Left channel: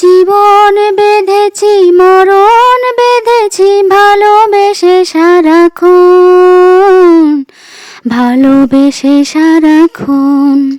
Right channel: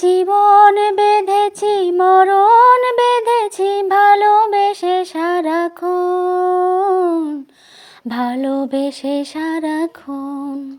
জীবন বেঁধেছি মরণ বেঁধেছি ভালোবেসে সারাক্ষণ ভালোবেসে সারাক্ষণ।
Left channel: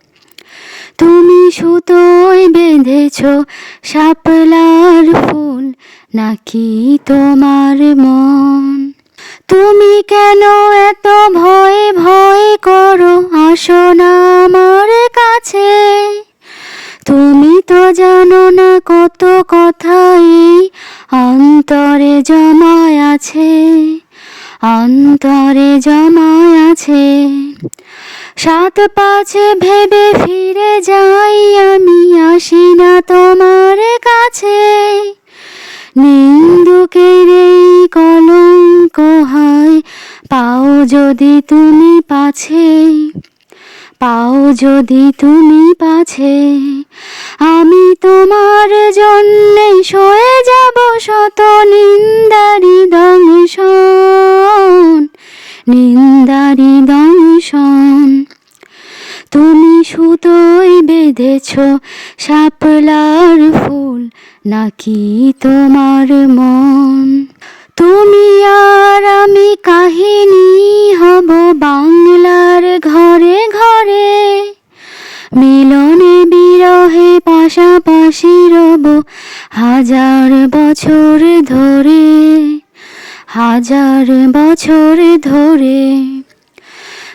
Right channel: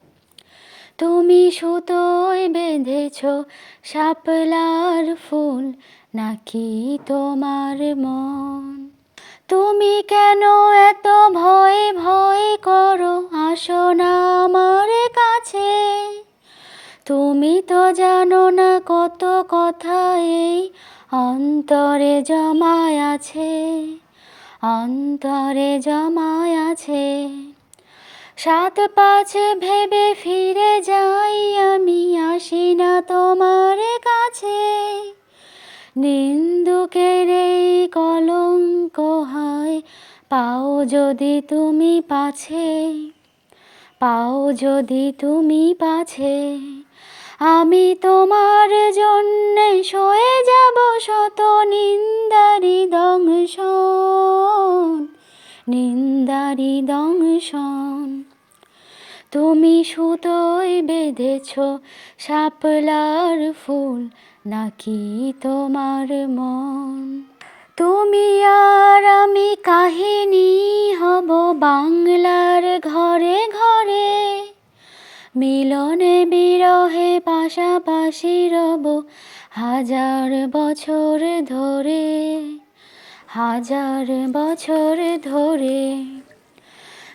সুতোয় বেঁধেছ শাপলার ফুল, নাকি তোমার মন? তুমি কেন এত ভয় ভয় করো? আসো না আমার কাছে। তুমি তো জানো না কত কথাই অন্তরে জমায় আছে, অন্তরে জমায় আছে। সাত পাঁচ ভেবে যদি তুমি পাছে, পাও যদি তুমি পাছে, আমি তোমার জন্যে সয়ে যাব শত নিন্দারি দংশন নিন্দারি দংশন। তুমি সুতোই বেঁধেছ শাপলার ফুল, নাকি তোমার মন? তুমি আর আমি কাহিনী পাশাপাশি রব হাজার বছর ধরে, হাজার বছর ধরে।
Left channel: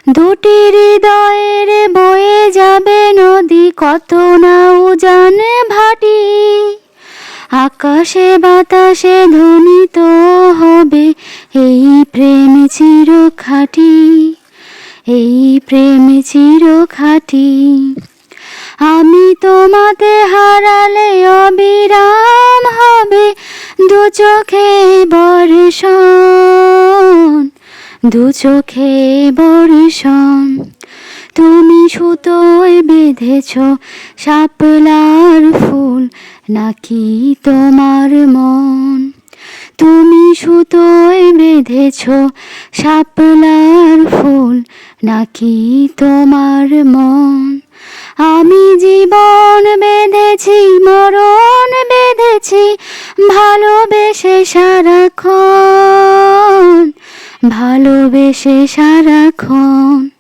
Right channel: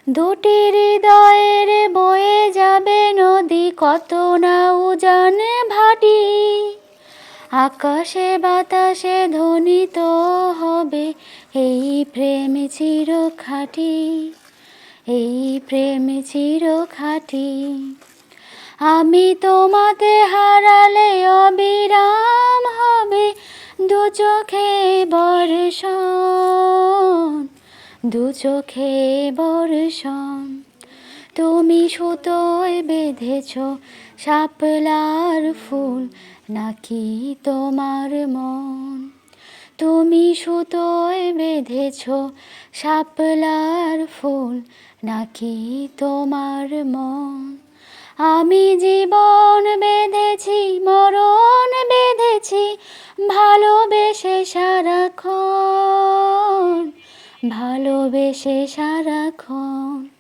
দুটি হৃদয়ের বয়ে যাবে নদী, কত না উজানে ভাটি। আকাশে বাতাসে ধ্বনিত হবে এই প্রেম চির খাটি এই প্রেম চির খাটি আমি তোমাতে দু চোখে বর্ষণ, তুমি সুতোয় বেঁধেছ শাপলার ফুল, নাকি তোমার মন? তুমি সুতোয় বেঁধেছ শাপলার ফুল, নাকি তোমার মন? আমি জীবন বেঁধেছি, মরণ বেঁধেছি, ভালোবেসে সারাক্ষণ ভালোবেসে সারাক্ষণ